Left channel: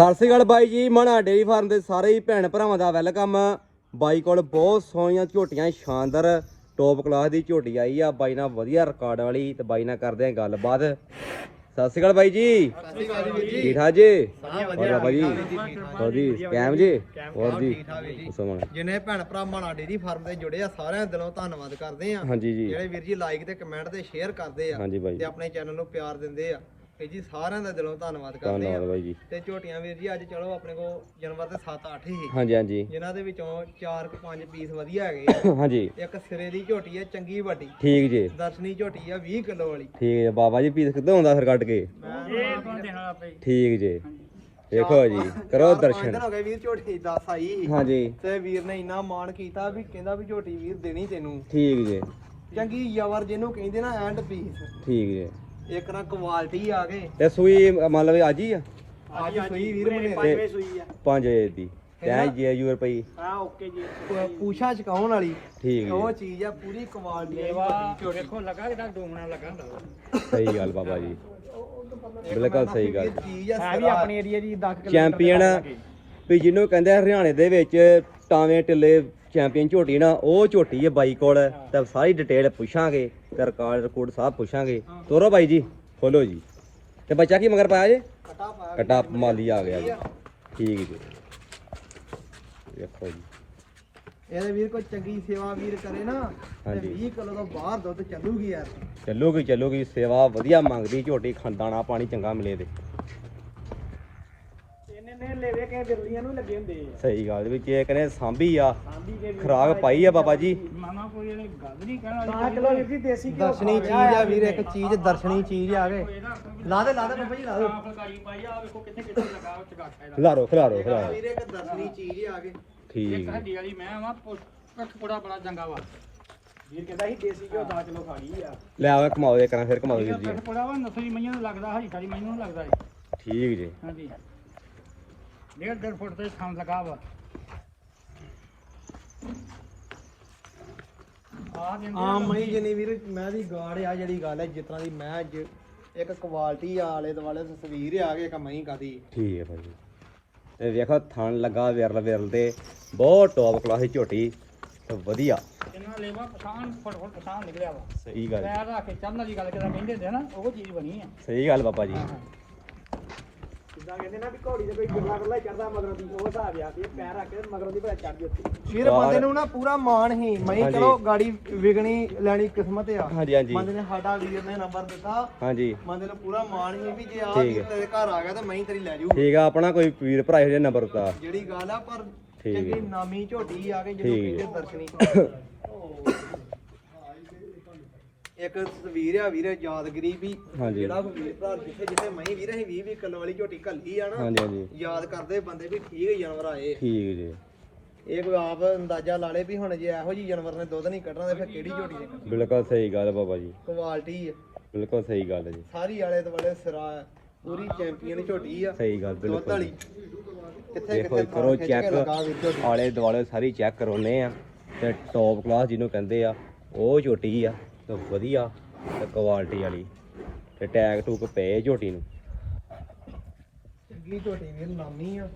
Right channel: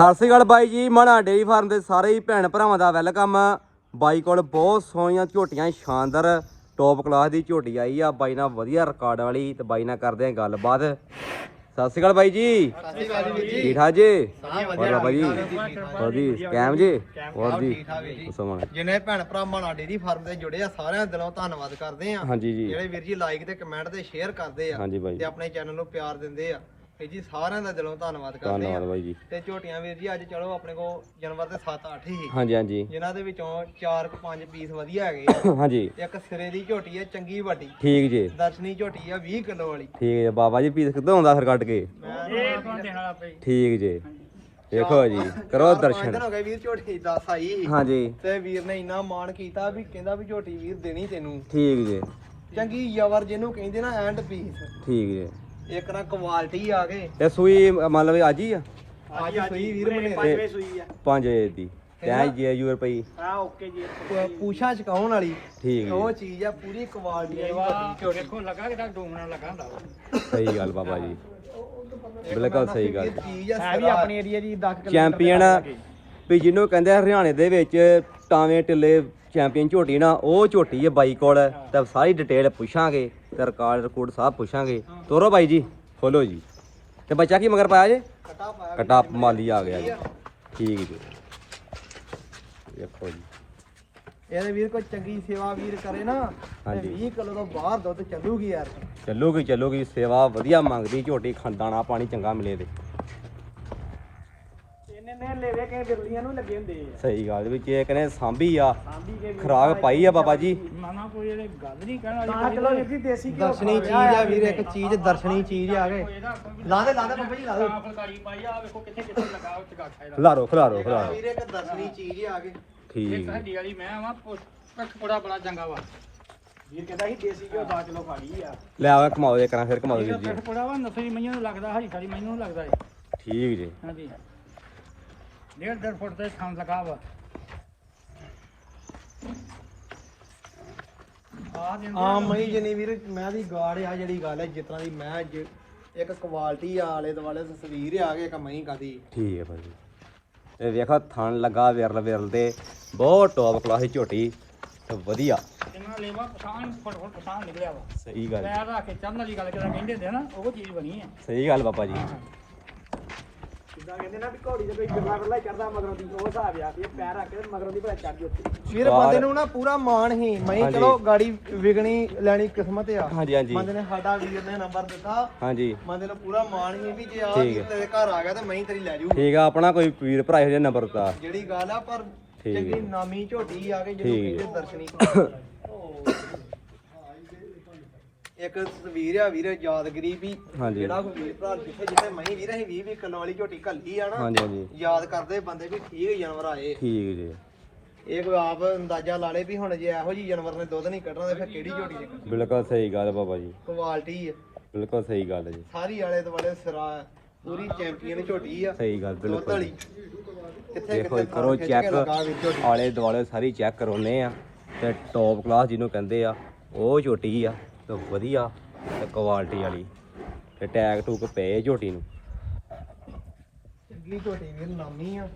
ਸਤਿ ਸ੍ਰੀ ਅਕਾਲ ਬਾਈ ਜੀ ਮਣਾ dairy farm ਦੇ ਸਾਰੇ ਹੀ ਭੈਣ ਭਰਾਵਾਂ ਦਾ ਵੈਲਕਮ। ਬਾਈ ਕੋਲ ਬਹੁਤ ਸੋਹਣੀਆਂ ਝੋਟੀਆਂ ਸ਼ਾਨਦਾਰ ਟੌਪ ਕਲਾਸ ਦੀ ਝੋਟੀ ਆਈ ਆ। ਬਾਈ ਨਾਲ ਵਧੀਆ ਰਿਕਾਰਡ ਵਾਲੀ ਤੇ ਬਾਈ ਨਾਲ ਕਰਦੇ ਆ ਗੱਲਬਾਤ। ਸਤਿ ਸ੍ਰੀ ਅਕਾਲ ਬਾਈ ਜੀ। ਠੀਕ ਠਾਕ ਜੀ? ਹੋਰ ਬਾਬਾ ਜੀ? ਹੋਰ ਜੀ ਕੈਮ ਜੀ? ਹੋਰ ਜੀ? ਸਮਾਂ। ਜਿਨੇ ਭੈਣ ਭਰਾ ਮਾਣਾ ਡੇਰੀ ਫਾਰਮ ਤੇ ਜੁੜੇ ਆ ਸਾਰਿਆਂ ਦਾ ਦਿਲੋਂ ਧੰਨਵਾਦ ਕਰਦੇ ਆ। ਜਿਹੜੇ ਵੀਰ ਜੀ ਲਾਈਕ ਤੇ ਕਮੈਂਟ ਤੇ ਸ਼ੇਅਰ ਕਰਦੇ ਆ ਬਾਈ। ਤੇ ਆਪਣੇ ਚੈਨਲ ਨੂੰ ਪਿਆਰ ਦਿੰਦੇ ਆ। ਤੇ ਜੀ ਸਾਰਿਆਂ ਦਾ ਦਿਲੋਂ ਧੰਨਵਾਦ ਕਰਦੇ ਧੰਨਵਾਦ ਬਾਈ ਜੀ। ਤੇ ਝੋਟੀਆਂ ਵੀਰ ਜੀ ਅੱਜ ਚਲੋ ਆਪਣੇ ਕੋ ਜਾਨਵਰ ਦੇ 7-8 ਹੀ। ਹਾਂਜੀ ਹਾਂਜੀ। ਜਿਨ੍ਹਾਂ ਦੇ ਵਿੱਚੋਂ 4-5 ਪੀਸ ਵਧੀਆ ਹੈਗੇ ਹਾਂਜੀ। ਆ ਇੱਕ ਸਿਰੇ ਦੀ ਝੋਟੀ ਆ ਚੰਗੀ ਵੱਡੀ। ਠੀਕ ਜੀ। ਦਰਸ਼ਨੀ ਝੋਟੀ ਆ 20 ਕਿਲੋ ਵਾਲੀ। ਠੀਕ ਜੀ ਬਾਬਾ ਜੀ ਪੀਸ ਕਿੱਦਾਂ ਹੁੰਦਾ ਫਿਰ ਕੱਢ ਕੇ? ਮੈਂ ਠੀਕ ਜੀ। ਦੇਖੋ ਜੀ ਕਰੋ ਦਰਸ਼ਨ। ਹੋ ਗਏ ਵੀਰ ਝੋਟੀ 10 ਆਈ। ਸੀ। ਹਾਂਜੀ। ਤੇ ਵੀਰ ਨੇ ਇੰਨਾ ਮਾਣ ਕੀਤਾ ਵੀ ਕਹਿੰਦਾ ਵੀ ਝੋਟੀ ਵੀਰ ਦੇਣੀ ਤੈਨੂੰ। ਠੀਕ ਜੀ। ਚੰਗੀ ਯਵਰ ਜਿਹਨੂੰ ਕਹਿੰਦੇ ਨਾ ਐਂਡ ਪੀਸ। ਠੀਕ ਜੀ। ਇੱਕ ਨਾ ਕੁਆਲਿਟੀ ਆ ਗਏ ਤੇ ਸੂਈ ਮੰਨ ਲਓ ਵੀ ਅੱਜ ਹੀ ਆ। ਅੱਜ ਸੂਈ ਵੀਰ ਮਨੇ ਤੇ 5 ਵਜੇ ਦੀ। ਤੈਂ ਜੀ ਯੂ ਰੁਪਈ ਆ ਓਕੇ ਜੀ। ਤੇ ਪੂਛਾ ਚਕਾਉਣ ਵਾਲੀ। ਠੀਕ ਜੀ। ਉਹ ਚੀਜ਼ ਆ ਪੂਰੀ ਕੁਆਲਿਟੀ ਆ। ਵੇਖੋ ਲੱਗਾ ਕਿ ਡੂਮਣਾ ਲੱਗਾ ਹੁੰਦਾ ਸਹੀ ਗੱਲ ਬਾਬਾ ਜੀ। ਬਿਲਕੁਲ ਸਹੀ ਗੱਲ। ਚੀਜ਼ ਆ ਵੀ ਆਪਣੀ ਏਰੀਆ ਦੀ 10 ਚੈਂਪੀਅਨ ਵੀ ਜਿਹਨੂੰ ਕਹਿੰਦੇ ਆ ਹਰਿਆਣੇ ਦੇ ਵਿੱਚ ਟਾਵੇਂ ਟਿੱਲੇ ਚੈਂਪੀਅਨ ਝੋਟੀ ਨਾ ਉਹ ਝੋਟੀ ਹੈ ਬਾਈ ਕੋਲ। ਤੇ ਸਾਰੀ ਡਿਟੇਲ ਪੁੱਛਾਂਗੇ। ਤੇ ਰਿਕਾਰਡ ਰਿਕਾਰਡ ਸਭ ਪੁੱਛਾਂਗੇ। ਤੋਰੋ ਬਾਈ ਜੀ ਖੋਲੋ ਜੀ। ਤੇ ਬੱਚਾ ਕੀ ਮਗਰ ਪਾਇਆ ਜੇ? ਕਟਾ ਪਾਇਆ ਕਟਾ ਮਾਲੀ ਆ ਗਿਆ ਜੀ। ਠੀਕ ਜੀ। ਦੇਖੋ ਜੀ। ਇਹਦੇ ਵੀਰ ਕੋਈ ਚੰਗੀ ਸੇਵਾ ਵੀਰ ਕਰੇ ਨਾ ਹਾਂਜੀ। 20 ਕਿਲੋ ਤੋਂ ਬਾਹਰ ਦੁੱਧ ਚੱਲੂਗੀ ਯਾਰ। ਚੱਲੂਗੀ ਚੱਲੂਗੀ। ਸੇਵਾ ਵਧੀਆ ਮੰਗਦੀ ਝੋਟੀ ਖੰਦਾਣਾ ਪਾਣੀ ਚੰਗਾ ਮਿਲੇ ਤੇ। ਨੇ ਲੈਵੇ ਕੇ ਬਿਰਲੀਆਂ ਨੂੰ ਲੱਗੇ ਹੁੰਦੇ ਸਹੀ ਗੱਲ ਵਿੱਚ ਇੱਕ ਨੇ ਸਾਂਭੀ ਆ ਖਰਾਕ ਪਾਈ ਆ ਬਾਬਾ ਜੀ। ਮਾਮਾ ਕੋਈ ਇਹਨੇ ਗੱਲ ਨਹੀਂ ਕਹਿਣਾ ਕਿਲੋ ਦੇਸੀ ਘਿਓ ਦਰਸ਼ਨੀ ਚੀਜ਼ ਆ ਵੀਰ ਇੱਕ ਚੀਜ਼ ਦਰਸ਼ਨੀ ਚੀਜ਼ ਆ ਗਏ ਲਾ ਦੇ ਲਾ ਦੇ ਬੱਬਾ ਜੀ ਲਾ ਦੇ। ਫੁਲਕਾਰੀ ਪਾਈ ਆ ਵੇਖੋ ਕਿੱਥੇ ਕਿੱਥੇ ਲਗਾ ਉਹ ਚਗਾ ਖਾਇਦਾ ਖਿਲਾਰੋ ਖਿਲਾਰੋ ਖਿਲਾਰੋ। ਵੀਰ ਇੱਕ ਦਰਸ਼ਨੀ ਚੀਜ਼ ਆ ਗਏ ਠੀਕ। ਹੱਡੀ ਵਾਲੀ ਮੈਂ ਆਵਾਂ ਪੁੱਛ ਪੁੜਾ ਬੜਾ ਚੰਗਾ ਵਾ। ਇਹ ਕਹਿੰਦਾ ਸੀ ਦੇਸੀ ਘਿਓ ਦਾ ਕਿਲੋ ਖਾਣੀ ਆ। ਲੈ ਆਓ ਕਮਾਓ ਇਹ ਕਰਾਂ ਫਿਰ ਕਮਾਓ ਵੀਰ ਜੀ। ਪੁੜਾ ਵਾ ਨਸਲੀ ਮਈਆਂ ਨੂੰ ਲੱਗਦਾ ਹਰੀ ਸਾਰੀ ਮੈਨੂੰ ਲੱਗਦਾ ਜੀ। ਠੀਕ ਜੀ। ਹਾਂਜੀ। ਡੇਢ ਡੇਢ ਫੁੱਟ ਤੇ ਥਾਂ ਲਗਾ ਵਾ। ਆ ਮਈ ਜਨੀ ਵੀਰ ਮੈਂ ਦੀ ਗਾੜ ਆ ਜਿਹੜੀ ਗੱਲ ਹੈ ਜਿਸ ਤਰ੍ਹਾਂ ਦੀ ਮੈਂ ਜ- ਇੱਕ ਕੁਆਲਿਟੀ ਆ ਆਲੇ ਦੁਆਲੇ ਤਸਵੀਰ ਆ ਗਈ ਇੱਕ ਮਈ ਕਾਦੀ। ਠੀਕ ਹੈ ਭਾਈ ਤੇ ਵੇਖੋ ਥਣ ਲੱਗਾ ਵਿਰਲ ਵਿਰਲ ਤੇ ਬਹੁਤ ਟੌਪ ਕਲਾਸ ਦੀ ਝੋਟੀ ਤੇ ਵਧੀਆ। ਇਹਨਾਂ ਲੈਵਾ ਪਛਾਣ ਫੁੱਟ ਫੁੱਟ ਪਛਾਣ ਨਿਕਲਿਆ ਵਾ। ਸਹੀ ਗੱਲ। ਪੈਰ ਰੱਖ ਕੇ ਚੜਨ ਵਾਲੀ ਗੱਲ ਜਿਹੜਾ ਕਹਿੰਦੇ ਹੁੰਦੇ ਆ ਨਾ ਉਹ ਚੀਜ਼ ਬਣੀ ਹੈ ਸਹੀ ਗੱਲ ਬਾਬਾ ਜੀ। ਕਹਿੰਦੇ ਨਾ ਵੀ ਘੋੜੀ ਦੇ ਕੋਈ ਕਿੰਨਾ ਬੱਲਾ ਚੜਦਾ ਮਗਰੋਂ ਦੀ ਉਹ ਹਿਸਾਬ ਆ ਕੇ ਪੈਰ ਰੱਖ ਕੇ ਮਗਰੋਂ ਦੀ ਭਲਾ ਚੜ ਜਾਂਦੀ ਵੀਰ ਬੰਦੇ ਨੂੰ ਨਾ ਪੂਰਾ ਮਾਣ ਹੀ। ਮੈਂ ਹਾਂਜੀ। ਚਲੋ ਗਾੜੀ ਵਿਗਣੀ ਲੈਣੀ ਕਿਸਮਤ ਆ। ਹਾਂਜੀ ਹਾਂਜੀ। ਬੰਦੇ ਨੇ ਸਾਡਾ ਵੀਰ ਨੇ ਨੰਬਰ ਦਿੱਤਾ। ਹਾਂਜੀ। ਬੰਦੇ ਨੂੰ ਪੂਰਾ ਮਾਣ ਹੀ ਵੀ ਜੇ ਆ ਠੀਕ ਵੀਰ ਹੈ। ਤੇਰੇ ਘਰ ਆ ਗਿਆ ਤੇ ਮੈਂ ਹੀ ਤੇਰੀ ਲੈ ਜੂ ਠੀਕ ਆ ਆਪਣਾ ਕੋਈ ਵੀਰ ਭਰਾ ਇਹੋ ਜਿਹਾ ਨੰਬਰ ਦਾ ਜਿਹੜੀ ਗੱਲ ਆ ਪਰ ਠੀਕ ਹੈ। ਚੰਗੀ ਨਾਮੀ ਝੋਟੀ ਆ ਗਈ ਜਿਹਨੂੰ ਠੀਕ ਹੈ। ਦਰਸ਼ਨੀ ਇੱਕ ਤਸਵੀਰ ਆ ਵੀਰੇ ਯਾਦਗਰੀ ਵੀ ਹਾਂਜੀ। ਜਿਹੜਾ ਕੋਈ ਵੀਰ ਭਰਾ ਜਿੱਥੇ ਜਿੱਥੇ ਮੈਂ ਵੀਰ ਅਸੀਂ 20 20 ਕਿਲੋ ਵਾਲੀ ਝੋਟੀ ਘੱਲੀ ਆ ਨਾ ਹਾਂਜੀ ਹਾਂਜੀ। ਯਾਦ ਕਰਦੇ ਬੰਦੇ ਵੀ ਠੀਕ ਜਾਨਵਰ ਆਏ। ਠੀਕ ਜੀ। ਇਹ ਕੋਈ ਆਪ ਅੰਦਾਜ਼ਾ ਲਾ ਲੇ ਵੀ ਹੁਣ ਜੇ ਇਹੋ ਜੀ ਜਾਨਵਰ ਨੇ ਦੁੱਧ ਨਹੀਂ ਕੱਢਣਾ ਤੇ ਫਿਰ ਕਿਹੜੀ ਝੋਟੀ ਦੇ ਬਿਲਕੁਲ ਸਹੀ ਗੱਲ ਬਾਬਾ ਜੀ। ਕੁਆਲਿਟੀ ਹੈ ਬਿਲਕੁਲ ਸਹੀ ਗੱਲ ਜੀ। ਸਾਰੀ ਆਲੇ ਦੁਆਲੇ ਸਿਰਾ ਹੈ। ਪੂਰੀ ਚੈਂਪੀਅਨ ਝੋਟੀ ਆ। ਸਹੀ ਗੱਲ ਦੁੱਧ ਬਿਲਕੁਲ ਵਾਲੀ। ਕਿੱਥੇ ਦੇਖੋ ਕਿੱਥੇ ਕਰੋ ਖਿੱਚ ਕੇ ਚੈੱਕ ਲਗਾ ਵੀ ਝੋਟੀ। ਆਲੇ ਦੁਆਲੇ ਸਾਰੀ ਚੈੱਕ ਕਰਾਉਨੇ ਆ ਤੇ ਟੌਪ ਕਲਾਸ ਜਿਹਨੂੰ ਕਹਿੰਦੇ ਆ ਉਹ ਝੋਟੀ ਆ। ਤੇ ਵਧੀਆ ਤੇ ਕੁਆਲਿਟੀ ਵਾਲੀ ਤੇ ਟੈਗ ਟੂਕ ਪਏ ਝੋਟੀ ਨੂੰ। ਚੰਗੀ ਝੋਟੀ ਵੀਰ ਨਾਮੀ ਆ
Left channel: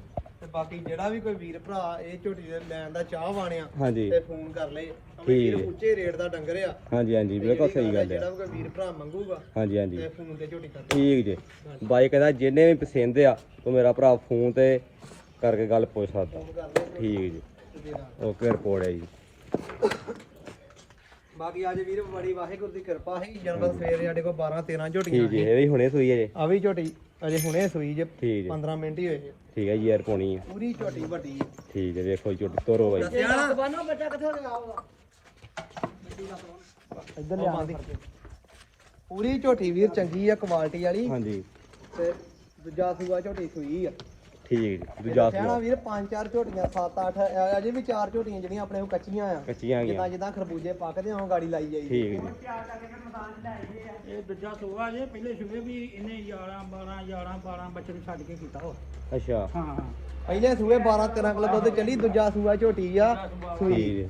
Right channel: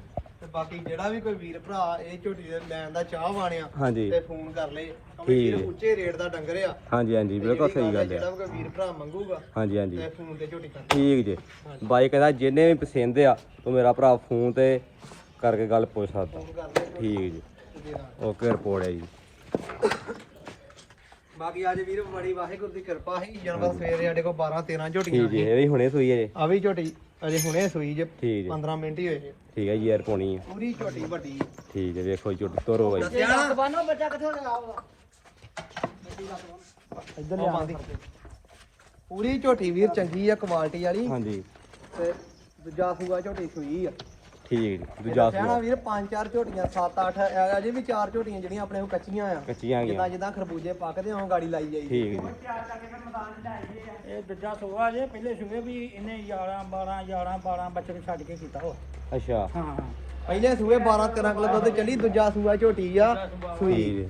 ਤੇ ਬਾਕੀ ਜਿਹੜਾ ਵੀ ਕੋਈ ਵੀਰ ਭਰਾ ਇਹ ਝੋਟੀ ਦੇ ਲੈਣ ਦਾ ਚਾਹ ਵਾਣਿਆ ਹਾਂਜੀ। ਤੇ ਫੋਨ ਕਰ ਲੈ ਠੀਕ। ਹੈ। ਉੱਚੇ ਰੇਟ ਦਾ ਡੰਗਰ ਆ। ਹਾਂਜੀ ਹਾਂਜੀ ਬਿਲਕੁਲ ਸਹੀ ਗੱਲ ਜਿਹੜਾ ਆ। ਵੀ ਕੋਈ ਵੀਰ ਭਰਾ ਮੰਗੂਗਾ ਹਾਂਜੀ ਹਾਂਜੀ। ਤੇ ਫੋਨ ਤੇ ਝੋਟੀ ਕਰ ਠੀਕ ਜੀ। ਬਾਈ ਕਹਿੰਦਾ ਜਿਹਨੇ ਵੀ ਪਸੰਦ ਆ ਤੂੰ ਮੇਰਾ ਭਰਾ ਫੋਨ ਤੇ ਕਰਕੇ ਗੱਲ ਪੁੱਛ ਸਕਦਾ। ਕਰ ਲੈ। ਠੀਕ ਜੀ। ਓਕੇ ਰਿਪੋਰਟ ਹੈ ਜੀ। ਬਾਕੀ ਅੱਜ ਵੀਰ ਬੜੀ ਵਾਹਿਗੁਰੂ ਦੀ ਕਿਰਪਾ ਹੈ ਜਨਵਰ ਸਵੇਰੇ ਸਾਡੇ ਕੋਲ 12 13 ਝੋਟੀਆਂ ਠੀਕ ਜੀ ਇਹ ਵੀ ਹੁਣੇ ਸੂਈ ਹੈ ਜੀ ਆ ਵੀ ਝੋਟੀ ਅਜੇ ਹੁਣੇ ਸੂਈ ਜੇ ਠੀਕ ਜੀ। 15 ਮਿੰਟ ਹੀ ਹੋਏ ਜੇ। ਠੀਕ ਹੈ ਜੀ ਯਾਰ ਪਾਉਣੀ ਆ। ਪੂਰੀ ਝੋਟੀ ਵੱਡੀ। ਠੀਕ ਹੈ ਦੇਖੋ ਝੋਟੀ ਤੋਰੋ ਬਾਈ। ਦਬਾਨੋ ਬੱਚਾ ਕਿੱਥੋਂ ਲਿਆ ਇੱਧਰ ਲਿਆ। ਪੂਰੀ ਝੋਟੀ ਵੀਰ ਚੰਗੀ ਆ ਕੁਆਲਿਟੀ ਵਾਲੀ। ਹਾਂਜੀ। ਤੇ ਦੂਜਾ ਸੂਆ ਝੋਟੀ ਸੂਈ ਆ। ਠੀਕ ਦੂਜਾ ਸਿਆਣਾ ਸੂਆ ਵੀਰ ਪੰਜ ਚਾਰ ਝੋਟੀਆਂ ਸੱਤ ਅੱਠ ਅਜੇ ਵੀ ਚਾਰ ਝੋਟੀਆਂ ਜਿਹੜੀਆਂ ਆਪਣੇ ਕੋਲ ਕੱਚੀਆਂ ਆ। ਕੱਚੀਆਂ ਜਿੱਦਾਂ ਜਿੱਦਾਂ ਖਰਬੂਜੇ ਪੱਕਦੇ ਹੋਂ ਗਾੜੀ ਲਾਈ ਜਾਈ। ਠੀਕ ਹੈ ਜੀ ਇਹ ਦੂਜਾ ਸੂਆ ਜੇ ਪਹਿਲੇ ਸੂਏ ਵੀ ਇਹਨੇ 11 12 11 12 ਬੱਚੇ ਛੱਡ ਕੇ ਕੀਤਾ ਉਹ। ਅੱਛਾ। ਹਾਂ ਹਾਂ। ਪਹਿਲੇ ਸੂਏ 12 13 ਕਿਲੋ ਦੁੱਧ ਚੱਲੀ ਦੂਜਾ ਸੂਆ ਝੋਟੀ ਆ ਸੂਈ।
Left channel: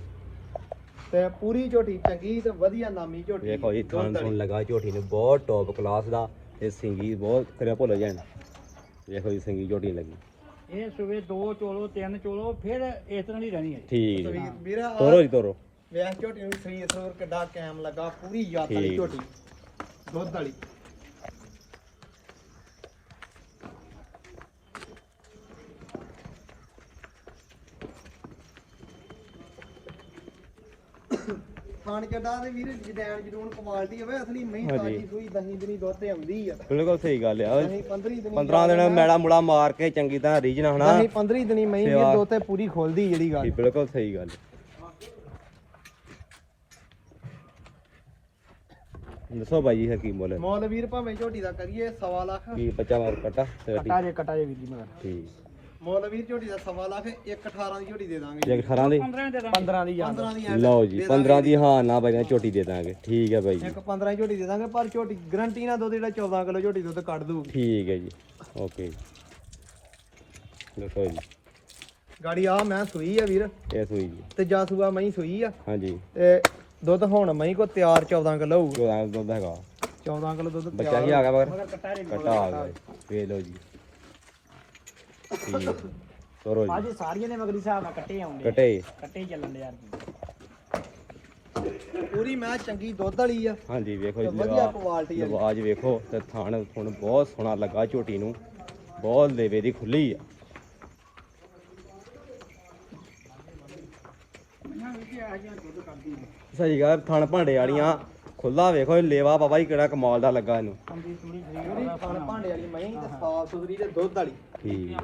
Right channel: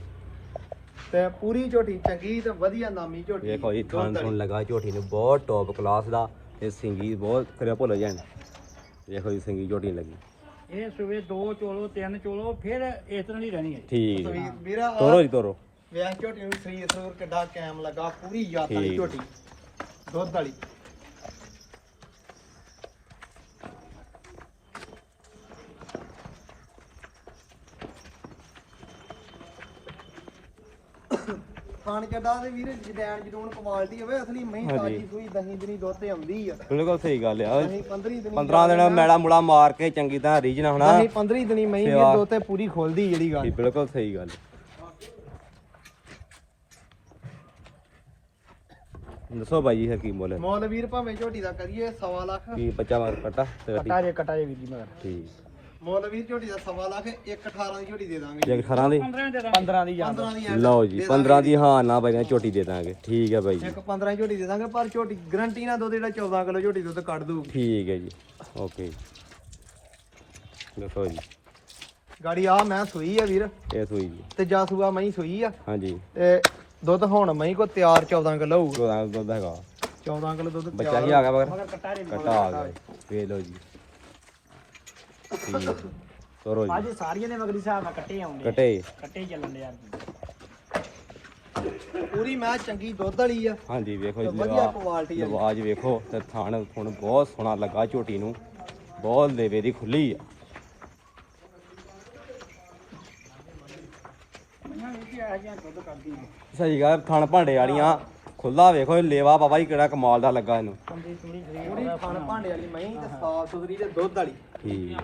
ਤੇ ਪੂਰੀ ਝੋਟੀ ਚੰਗੀ ਤੇ ਵਧੀਆ ਨਾਮੀ ਝੋਟੀ। ਦੇਖੋ ਜੀ ਥਣ ਥਣ ਲਗਾ ਝੋਟੀ ਨੂੰ ਬਹੁਤ ਟੌਪ ਕਲਾਸ ਦਾ ਤੇ ਸਿੰਗੀ ਬਹੁਤ ਕਰਿਆ ਭੁੱਲ ਜਾਣ ਦੇਖੋ ਜੀ ਸਿੰਗੀ ਝੋਟੀ ਲੱਗੀ। ਇਹ ਸਵੇ ਦੋ ਚੋਲੋ ਤਿੰਨ ਚੋਲੋ ਫਿਰ ਇਸ ਤਰ੍ਹਾਂ ਦੀ ਰਹਿਣੀ ਹੈ। ਠੀਕ ਵੀਰਾ ਆਹ ਤੋਰੋ ਜੀ ਤੋਰੋ। ਵੇਖ ਝੋਟੀ ਨੂੰ ਸਰੀਰ ਸਰੂਰ ਕਿੱਡਾ ਕੈਮ ਲੱਗਾ ਪੂਰੀ ਠੀਕ। ਝੋਟੀ। ਦੁੱਧ ਵਾਲੀ। ਖਾਣ ਚੱਡਾ ਦੇ ਵੀਰ ਜਦੈਨ ਜਦੂਨ ਕੁਆਲਿਟੀ ਹੋਵੇ ਅਸਲੀ ਮਹੀਂ। ਤਾਜੀ ਸੂਈ ਦਹੀਂ ਦਿਨੀ ਦੁੱਧ ਤੇ ਆਉਂਦੀ ਆ। ਬਿਲਕੁਲ ਸਹੀ ਗੱਲ ਆ। ਅਸੀਂ 15 ਦਿਨੀ 15 ਦਿਨ ਮੈਲਾ ਮੁਲਾ ਮਾਰ ਕੇ ਚੰਗੀ ਤਰ੍ਹਾਂ ਰੀਜਨ ਹੋਣਾ। ਅਸੀਂ 15 ਦਿਨੀ ਮਹੀਂ। ਵੀਰ ਦੁੱਧ ਤੇ ਪੂਰੀ ਖੋਲਦੀ ਜਿਹੜੀ ਗੱਲ। ਬਿਲਕੁਲ ਸਹੀ ਗੱਲ। ਦੱਸੋ ਬਾਈ ਜੀ ਕੀ ਮੁੱਲ ਹੈ? ਮੁੱਲ ਵੀਰ ਭਾਵੇਂ ਝੋਟੀ ਦਾ ਕਰੀਏ ਸਵਾ ਲੱਖ। ਕੀ ਬੱਚਾ ਮਾਰ ਕੱਟਾ ਕਟਾ ਜੇ ਕਟਾ ਜੇ ਵੀਰ ਜੀ ਮਗਰ ਠੀਕ। ਮੁੱਲ ਵੀਰ ਝੋਟੀ ਦਾ ਸਵਾ ਲੱਖ 1 18 ਦੀ ਝੋਟੀ ਦੇ ਦਾਂਗੇ। ਜੇ 18 ਦੀ? 15 ਦੇ ਦਾਂ 15 ਦੀ ਯਾਦ 15 ਦੀ ਲਓ ਜੀ 15 ਦੀ ਹਾਂ ਨਾ ਬਾਈ ਝੋਟੀ ਦੇ ਦਾਂਗੇ। ਠੀਕ ਹੈ ਬਾਈ ਜੀ। ਇੱਕ 15 ਝੋਟੀ ਦੇ ਦਾਂਗੇ ਪਰ ਝੋਟੀ ਗਰੰਟੀ ਨਾਲ ਦੁੱਧ ਜਿਹੜਾ 14 ਕਿਲੋ ਝੋਟੀ ਦੁੱਧ ਕੱਢ ਦੂ ਠੀਕ ਹੈ ਜੀ। ਓਕੇ ਦੱਸੋ ਜੀ। ਗਾੜੀ ਆ ਮੈਂ ਸੂਈ ਆ ਵੀਰ। ਇਹ ਸੂਈ ਜੀ। ਤੇ ਜਾ ਸੂਆ ਮੈਂ ਸੂਈ ਆ। ਹਾਂਜੀ। ਤੇ ਦੁੱਧ ਹੁਣ ਮੈਂ ਕੋ ਤਿਆਰ 14 ਕਿਲੋ ਹੋਊ। 14 ਦੁੱਧ ਹੈਗਾ। 14 ਕਿਲੋ ਦੁੱਧ ਬੱਚਾ ਕੀ ਆ ਗਿਆ ਮਗਰ? ਮਗਰ ਕਟਾ ਆ ਗਿਆ। ਵੇਖ ਲਓ ਜੀ। ਤੋਰੋ ਜੀ। ਅੱਜ ਸਾਰੀਆਂ ਨੇ ਮਗਰੀ ਹਿਸਾਬ ਨਾਲ ਕੱਟੇ ਆਉਂਦੇ ਕਟੇ। ਕੱਟੇ ਹੀ ਚੱਲਣ ਦੇ ਯਾਰ ਪੂਰੀ ਮੈਂ ਚੰਗੀ ਦੁੱਧ ਵਾਲੀ ਆ। ਹਾਂਜੀ ਵੇਖੋ ਤੇ ਜੀ ਵਧੀਆ ਲਵਾ ਕੁਆਲਿਟੀ ਆ। ਲਵਾਜ ਵੇਖੋ ਤੇ ਥਣ ਥਣ ਬਹੁਤ ਸੋਹਣਾ ਲੱਗਾ ਝੋਟੀ ਨੂੰ। ਬਹੁਤ ਲੇਵੇ ਦੀ ਖੁੱਲੀ ਆ। ਸਹੀ ਗੱਲ ਥਣ ਭਾਂਡੇ ਵਾਲੀਆਂ ਖੁੱਲਾ ਵੇਖੋ ਇਹ ਲੇਵਾ ਬਾਬਾ ਜੀ ਕਿਹੜਾ ਕਮਾਲ ਦਾ ਲੱਗਾ ਇਹਨੂੰ। ਪੂਰੀ ਖਾਣ ਭਾਂਡੇ ਵਾਲੀ ਮੈਂ ਤੇ ਸਾਫ਼ ਸੁਥਰੀ ਤੇ ਦੁੱਧ ਵਾਲੀ। ਠੀਕ।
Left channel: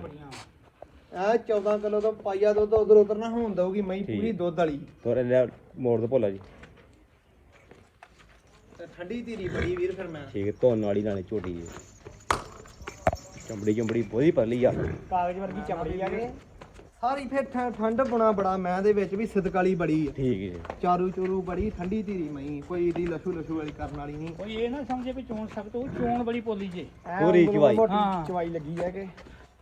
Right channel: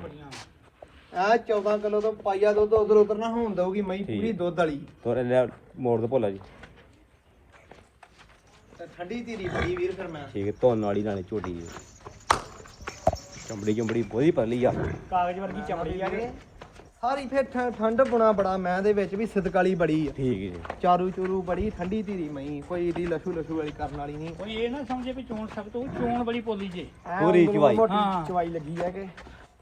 ਆ 14 ਕਿਲੋ ਤੋਂ ਪਾਈਆ ਦੁੱਧ ਉਧਰ ਉਧਰ ਨਾ ਹੋਣ ਦਊਗੀ ਮੈਂ ਠੀਕ। ਪੂਰੀ ਦੁੱਧ ਵਾਲੀ। ਤੋਰੇ ਲਿਆ ਮੋੜ ਦੋ ਭੋਲਾ ਜੀ। ਤੇ ਠੰਡੀ ਧੀਰੀ ਪਈ ਵੀਰ ਫਿਰ ਮੈਂ। ਠੀਕ ਹੈ ਧੋਣ ਵਾਲੀ ਨਾਲੇ ਝੋਟੀ ਹੈ ਚਮੜੀ ਚਮੜੀ ਬਹੁਤੀ ਪਰਲੀ ਆ। ਕਾਗਜ਼ ਵਰਗੀ ਚਮੜੀ ਆ ਕੇ ਸਾਰੀ ਫਿਰ ਠ- ਠੰਡ ਬਣਾ ਬੜਾ ਮੈਂ ਦੇ ਵਿੱਚ ਵੀ ਸਿਦਕਾਲੀ ਬੜੀ ਆ। ਠੀਕ ਹੈ ਜੀ। ਚਾਰੂ ਚੂਰੂ ਬੜੀ ਠੰਡੀ ਧੀਰੀ ਮਈ ਕੋਈ ਏਡੀ ਲਸ਼ੂ ਲਸ਼ੂ ਵਾਲੀ ਕਰਨ ਵਾਲੀ ਨਹੀਂ। ਕੋਈ ਇਹ ਨਾ ਸਮਝੇ ਵੀ ਚੋਣ ਸਖਤ ਹੋ ਚੋਣ ਬੜੀ ਪੋਲੀ ਜੇ। ਉਂਗਲ ਚਵਾਈ। ਹਾਂ। ਚਵਾਈ ਲੱਗੀ ਹੈ ਕਿ।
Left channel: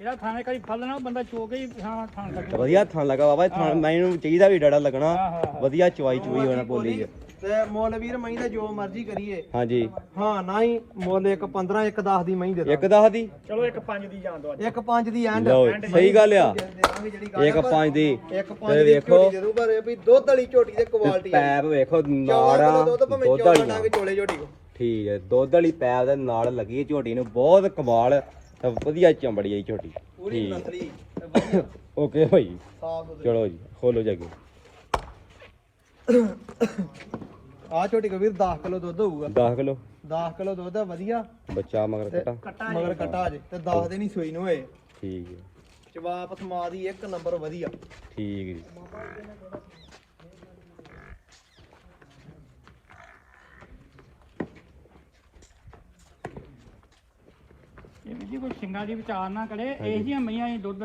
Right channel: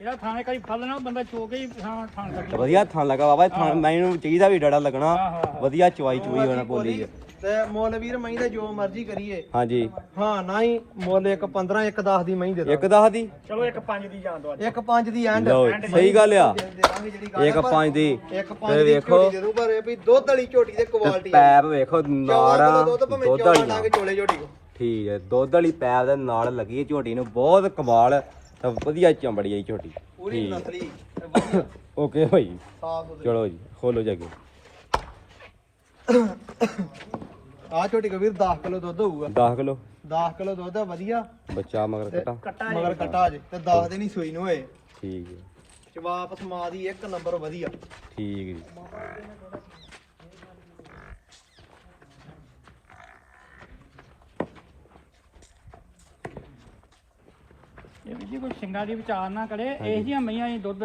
ਇਹਦਾ ਥਾਣੇ ਕਈ ਫਲ ਨਾ ਬੰਦਾ ਚੋ ਕੇ ਹੀ ਥਾਂ ਥਾਂ ਤੇ ਸਕਦਾ ਵਧੀਆ ਥਣ ਲੱਗਾ ਬਾਬਾ ਇਹ ਥਣ ਮੈਨੂੰ ਚਾਹੀਦਾ ਵੀ ਡੜਾ ਲੱਗਣਾ। ਵਧੀਆ ਚਵਾਈ ਚੁਈ ਹੋਣਾ ਬੋਲੀ ਚ ਤੇ ਮੁੱਲ ਵੀਰ ਮਈ ਦਾ ਜੋ ਮਰਜ਼ੀ ਕਰੀਏ। ਹਾਂਜੀ। ਹਾਂ ਨਾ ਹੀ ਮੁੱਲ ਇੱਕ 15 ਇੱਕ 10 ਦੀ ਮਈ ਦੇ ਦੋ ਇੱਕ ਦਸ ਦੀ? ਚਲੋ ਇੱਕ ਪੰਜ ਦੀ ਜਾਣ ਦੋ ਅੱਜ। ਇੱਕ 5 ਦੀ ਐਂਡ। ਲਓ ਸਹੀ ਗੱਲ ਆ। ਦੇ ਦਾਂਗੇ ਜਿਹੜੀ ਗੱਲ ਇੱਕ ਆ, ਪਰ ਪੰਜ ਦੀ। ਇੱਕ ਤੇ 5 ਦੀ ਵੇਖੋ। ਝੋਟੀ ਦੇ ਦੂ ਪਰ ਇਹ ਵੀ ਦੁੱਧ ਵਾਲੀ ਝੋਟੀ ਦੇ ਕੁਆਲਿਟੀ ਆ। ਪੈਪ ਵੇਖੋ ਨਾੜ ਚੌਦਾਂ ਕਿਲੋ ਦੁੱਧ ਭਾਵੇਂ ਦੁੱਧ 14 ਵਾਲੀ ਡੰਗ ਚੋਲੇ ਝੋਟੀ ਕੋ ਠੀਕ ਹੈ ਦੁੱਧ ਵਾਲੀ ਪੈਪ ਦੇ ਨਾਲ ਲੱਗੀ ਝੋਟੀ ਨੂੰ ਬਹੁਤ ਕਮਾਲ ਤੇ ਵਧੀਆ ਚੰਬੜੀ ਹੈ ਝੋਟੀ। ਪੂਰੀ ਨਸਲੀ ਓਕੇ ਸੁਥਰੀ ਚਲੋ ਜੀ ਖੋਲੋ ਜਾ ਕੇ। ਆ ਝੋਟੀ ਕੋ ਵੀਰ 10 ਕਿਲੋ ਦੁੱਧ ਹੋਊਗਾ। 10 ਕਿਲੋ? 10 ਕਿਲੋ ਦੁੱਧ ਆ ਵਧੀਆ। ਬੱਚਾ ਮਗਰ ਕਟਾ। ਕੱਟਾ ਮਗਰ ਕਟਾ ਜੇ ਤੇ 10 ਦਿਨ ਹੀ ਸੂਈ ਨੂੰ ਹੋਏ ਠੀਕ ਹੈ। ਜਵਾਬ ਸਮਾ ਦੀ ਇੱਕ ਨੰਬਰ ਵਧੀਆ। ਠੀਕ ਹੈ। ਜੀ ਕੋਈ ਸਿੰਗਾ ਦੀ ਵਿਚਾਰ ਨਾ ਕਰੇ ਇਹ ਜੀਆਂ ਮਈਆਂ ਹੀ ਦੁੱਧ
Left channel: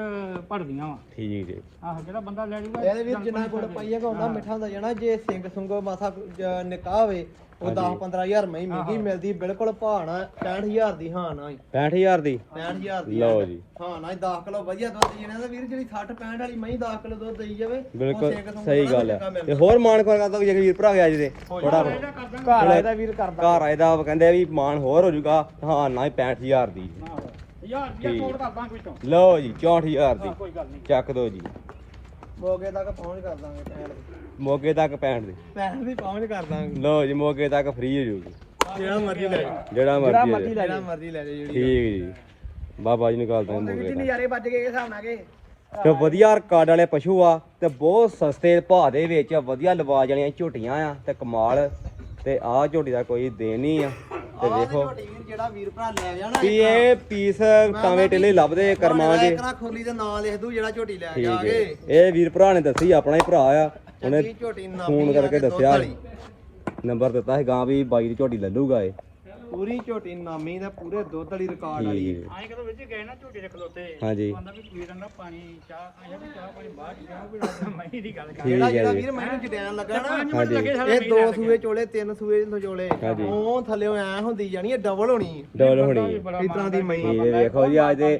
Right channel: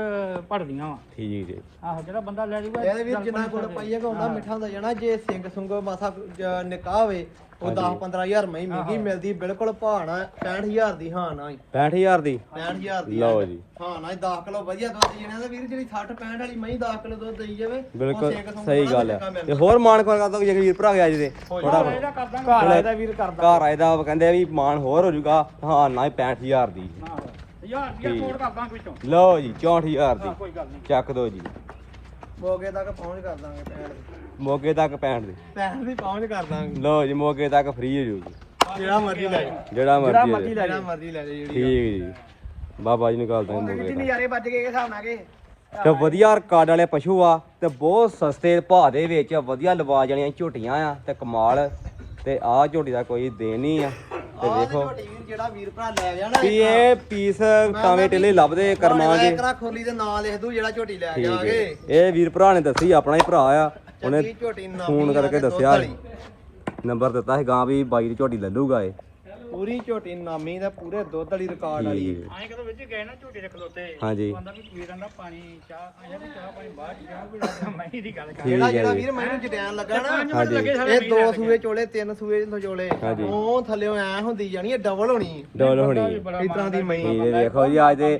ਭੜਦੀਆਂ ਵਾ। ਠੀਕ ਹੈ ਆਹੋ ਜਿਹੜਾ ਬੰਦਾ ਲੈ ਜੂਗਾ ਇਹਦੇ ਵਿੱਚ ਜਿੰਨਾ ਕੋਲ ਪਾਈਆ ਹੁੰਦਾ ਮਿੱਠਾ ਹੁੰਦਾ ਜਾਣਾ ਜੇ ਸਿੰਘ ਸੁੰਗ ਮਾਸਾ ਜ- ਨਿਕਾਹ ਹੋਵੇ ਉਹ 10 15000 ਮਹੀਂ ਮਹਿੰਗੀ ਮਿਲਦੀ ਬਿਲਕੁਲ ਭਾਣਾ 65000 ਦੀ ਹਾਂ ਨਾ 65000 ਦੀ? 65000 ਦੀ ਲਓ ਜੀ। ਹਾਂ ਨਾ 10 ਕਿਲੋ ਵਧੀਆ ਦੁੱਧ ਜਿਹਨਾਂ ਦੇ ਵੀਰ ਜਿਹੜੀ 60 65 ਵਾਲੀ ਮਹੀਂ 10 ਕਿਲੋ ਦੁੱਧ ਦੇਈ ਜਾਵੇ ਉਹ ਬਿਲਕੁਲ ਸਿੰਘ ਸੁੰਗ ਸਹੀ ਬੜਾ ਗੱਲ ਚੰਗਾ ਹੈ ਮਿਲਦਾ। ਤੇ ਹੋਰ ਮਾਨ ਕੋਈ ਕਰਦਾ ਜੇ ਵੀਰ ਭਰਾ ਗਿਆ ਜਿਹਦੇ? ਥੋੜਾ ਇਹਦਾ ਕਰਦਾ। ਘਰ ਇਹਦਾ ਵੀਰ ਕਰਦਾ। ਘਰ ਆਏ ਦਾ ਕਹਿੰਦੇ ਆ ਵੀ ਮਾਨ ਹੋਰ ਹੋ ਜਾਊਗਾ। ਹਾਂ ਨਾ ਹੀ 65000 ਦੀ। ਯਾਰ ਜੀ ਛੋੜ ਕਰਦਾ ਕੋਈ ਤੋਂ ਲਓ ਜੀ 64000 ਦੀ। ਕੋਈ ਗੱਲ ਨਹੀਂ। ਚੱਕ ਦੋ ਜੀ। ਮੋਗੇ ਤੱਕ ਪਹੁੰਚ ਕਰ ਦਾਂਗੇ ਪੈਣ ਮੋਗੇ ਤੱਕ 65 ਦੀ। ਪੈਣ ਦੀ ਪਹੁੰਚ ਕਰ ਦਾਂਗੇ। ਲਓ ਜੀ ਮੋਗੇ ਤੱਕ ਫ੍ਰੀ ਹੋ ਜਾਊਗੀ। ਜਿਹੜਾ ਮਰਜ਼ੀ ਲੈ ਜਿਹੜਾ ਮਰਜ਼ੀ ਲੈ ਜਿਹੜਾ ਮਰਜ਼ੀ ਲੈ ਠੀਕ ਜੀ। ਬਾਬਾ ਜੀ ਨਿਕਾਲਦਾ ਹਾਂ ਮੋਗੇ ਤੱਕ ਨਜ਼ਾਰੇ ਵੱਜ ਗਏ ਹਿਸਾਬ ਨਾਲ ਕੇ। ਤੇ ਵਧੀਆ ਰਿਕਾਰਡ ਵਾਲੇ ਪਸ਼ੂ ਆ ਤੇ ਬਹੁਤ ਸਸਤੇ ਭਾਅ ਦੇ ਵਿੱਚ ਵਧੀਆ ਲਵਾ ਜਾਣੀਆਂ ਝੋਟੀਆਂ ਆ ਤੇ ਕਮਾਲ। ਤੇ ਆਹ ਝੋਟੀ ਦਾ ਕੋਈ ਦੇਣ ਨਹੀਂ ਆ। ਤੇ ਵੇਖੋ। ਜਿਹੜਾ ਵੀਰ ਭਰਾ ਲੈ ਜਾਣਾ ਵੀ ਇਹ ਪੀਸ ਟੇਲੇ ਲੱਭਦੇ ਕਰਮਾਂ ਦੇ। ਕਰਾ ਖੋਲੀ ਦੇ ਨਾਂ ਲਿਖ ਦੂ ਜਿਹੜਾ ਝੋਟੀ ਲੈ ਠੀਕ ਹੈ। ਜਾਗੇ ਇਹ ਵੀਰ ਭਰਾ ਨੇ ਦੱਸੀ ਆਪਣਾ ਹੀ ਭਰਾ ਆ। ਉਹਨੇ ਫੋਨ ਕਰਕੇ ਦੱਸਿਆ। ਨੰਬਰ ਦਿੱਤਾ ਸੀ ਗਾਂ ਵੀ ਬਾਈ ਦੀ ਝੋਟੀ ਲੱਲੂਗਾ ਇਹ। ਪੂਰੀ ਝੋਟੀ ਨਾਮੀ ਦਾ ਪੂਰੇ ਦੁੱਧ ਵਾਲੀ ਰਿਕਾਰਡ ਵਾਲੀ। ਹੈ। ਆਏ ਕਦੋਂ ਵਿੱਚ ਗਏ ਨਾ ਝੋਟੇ ਦੇ ਖਲੋਤੇ। ਹਾਂਜੀ। ਬੰਦਾ ਵੀ ਪੀੜਾਂ ਦਾ ਪਾਣੀ ਚਾਹ ਆਇਆ ਵੀ ਚਾਹ ਪਾਣੀ ਬਾਅਦ ਚ ਜਾਓ ਵੀ ਮੈਂ ਦੀ ਗੱਲ ਕਰ ਜਿਹੜਾ ਜਿਹੜਾ ਹੈ ਵੀਰ ਮੈਨੂੰ ਜਟੈਨ ਲੱਗਾ ਨਾ ਹਾਂਜੀ ਇਹ ਦੋ ਸੂਏ ਚੋਲੇ ਤਿੰਨ ਸੂਏ ਚੋਲੇ ਹਾਂਜੀ। ਉਹ ਥੱਲੇੋਂ ਐ ਹੁੰਦੀ ਜਾਣੀ ਇਹ ਡਬਲ ਹੋਣੀ। ਡੋਲ ਹੋਣੀ। ਹੈ। ਇਸ ਤਰ੍ਹਾਂ ਦੀ ਮਈ ਇਹ ਵੇਖੋ ਜੀ ਅੱਜ ਦੇ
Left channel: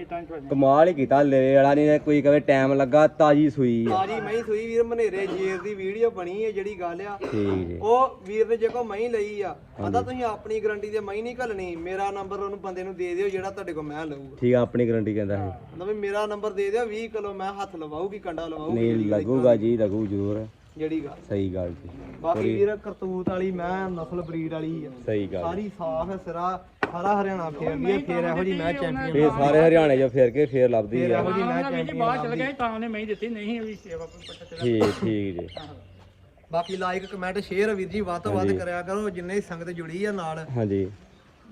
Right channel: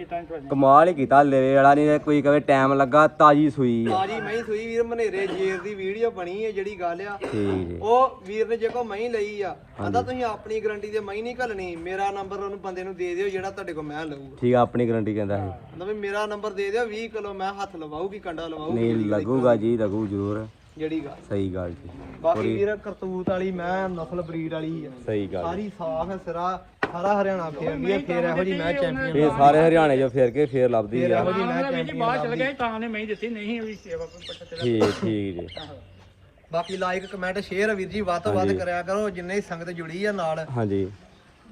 ਕਮਾਲ ਹੀ ਕੀਤਾ ਲੇਵੇ ਵਾਲਾ ਨਹੀਂ ਕੋਈ ਕਵੇ ਟਾਈਮ ਲੱਗਾ ਤਾਜੀ ਸੂਈ ਆ। ਤਾਜੀ ਮਈ ਸੂਈ ਵੀਰ ਮਨੇਰੇ ਜੇਰ ਦੀ ਵੀਡੀਓ ਬਣੀ ਹੈ ਜਿਹੜੀ ਗੱਲ ਆ। ਠੀਕ ਜੀ। ਉਹ ਵੀਰ ਨੇ ਜੇ ਕੋ ਮਈ ਲਈ ਆ ਕਹਿੰਦਾ ਤੁਸੀਂ ਆਪਣੀ ਗਰੰਟੀ ਦੇ ਮਈ ਨਹੀਂ ਘੱਲਣੀ ਮੇਰਾ ਨੰਬਰ ਉਹਨੂੰ ਬੰਦੇ ਨੂੰ ਦੇ ਦਿਓ ਜਿਹੜਾ ਤੁਹਾਡੇ ਕੋਲ ਮੈਂ ਲਊਗਾ। ਠੀਕ ਆ ਆਪਣੀ ਗਾਰੰਟੀ ਕਹਿੰਦਾ ਹੈ ਮਤਲਬ ਵੀ ਮੇਰਾ ਨੰਬਰ ਦੇ ਦਿਓ 20 ਕਿਲੋ ਮੈਂ ਹੱਥ ਲਵਾਉਗੀ ਕੰਡਾ ਲਵਾਉਗੀ ਨਹੀਂ ਲੱਗੂਗਾ ਜੀ ਲੱਗੂ ਜ਼ਰੂਰ। ਜਿਹੜੀ ਗੱਲ। ਸਹੀ ਗੱਲ ਜੀ। ਬਾਕੀ ਵੀਰ ਕਰਤੂਤ ਵਾਲੀ ਮੈਂ ਨਸਲ ਬਰੀਡ ਵਾਲੀ ਆ। ਸਹੀ ਗੱਲ। ਸਾਰੀ ਸਾਫ਼ ਸਿਰਾ ਸਾਰਾ ਹਰਿਆਣਾ ਫੇਰ ਲਈ ਫੇਰ ਇਹੋ ਜੀ ਮੈਂ ਚੈਂਪੀਅਨ ਇਹ ਸਾਰੇ ਹਰਿਆਣੇ 'ਚ ਫੇਰ ਕੇ ਫੇਰ ਲੱਭਦੀ ਆ। ਇਹੋ ਜੀ ਮੈਂ ਜੀ ਚੈਂਪੀਅਨ ਬਾਹਰ ਚਲ ਗਏ ਤਾਂ ਉਹਨੇ ਮੈਂ ਦਿੱਤੀ ਨਹੀਂ ਉਹਦੀ ਸੇਵਾ ਕੋਈ ਪੱਟਾ ਤੇ ਠੀਕ ਠੀਕ ਜੀ। ਬਾਕੀ ਲਾਈਕ ਕਮੈਂਟ ਸ਼ੇਅਰ ਵੀਰ ਜੀ ਵੱਧ ਤੋਂ ਵੱਧ ਕਰਿਆ ਕਰੋ ਜਿੰਨੇ ਸੰਗਤ ਜੁੜੀ ਆ ਨਾਲ। ਹਾਂਜੀ।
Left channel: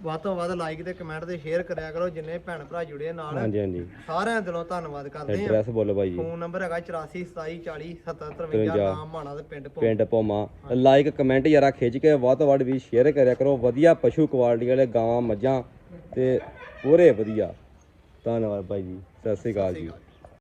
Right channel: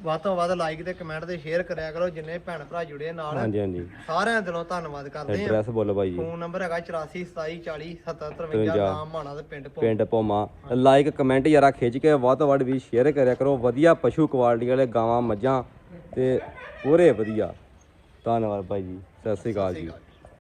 ਵੱਧ ਤੋਂ ਵੱਧ ਲਾਈਕ ਤੇ ਕਮੈਂਟ ਤੇ ਸ਼ੇਅਰ ਕਰਿਆ ਕਰੋ ਜਿੰਨੇ ਭੈਣ ਭਰਾ ਜੁੜੇ ਨਾਲ। ਹਾਂਜੀ ਹਾਂਜੀ। ਸਾਰਿਆਂ ਦਿਲੋਂ ਧੰਨਵਾਦ ਕਰਦੇ ਆ ਐਡਰੈਸ ਬੋਲੋ ਬਾਈ ਜੀ। ਫੋਨ ਨੰਬਰ ਹੈਗਾ 84 27 40 70 53 ਨਾਮ ਮਾਣਾ ਦੇ ਪਿੰਡ ਭੋ ਪਿੰਡ ਭੋਮਾ। ਲਾਈਕ ਕਮੈਂਟ ਯਾਰਾ ਖਿੱਚ ਕੇ ਵੱਧ ਤੋਂ ਵੱਧ ਵੀ ਸ਼ੇਅਰ ਕਰਿਆ ਕਰੋ। ਵਧੀਆ ਪਸ਼ੂ ਕੁਆਲਿਟੀ ਵਾਲੇ ਗਾਵਾਂ ਮੱਝਾਂ ਤੇ ਪੂਰੇ ਵਧੀਆ। ਧੰਨਵਾਦ ਭਾਈ ਜੀ। ਸਤਿ ਸ੍ਰੀ ਅਕਾਲ ਜੀ।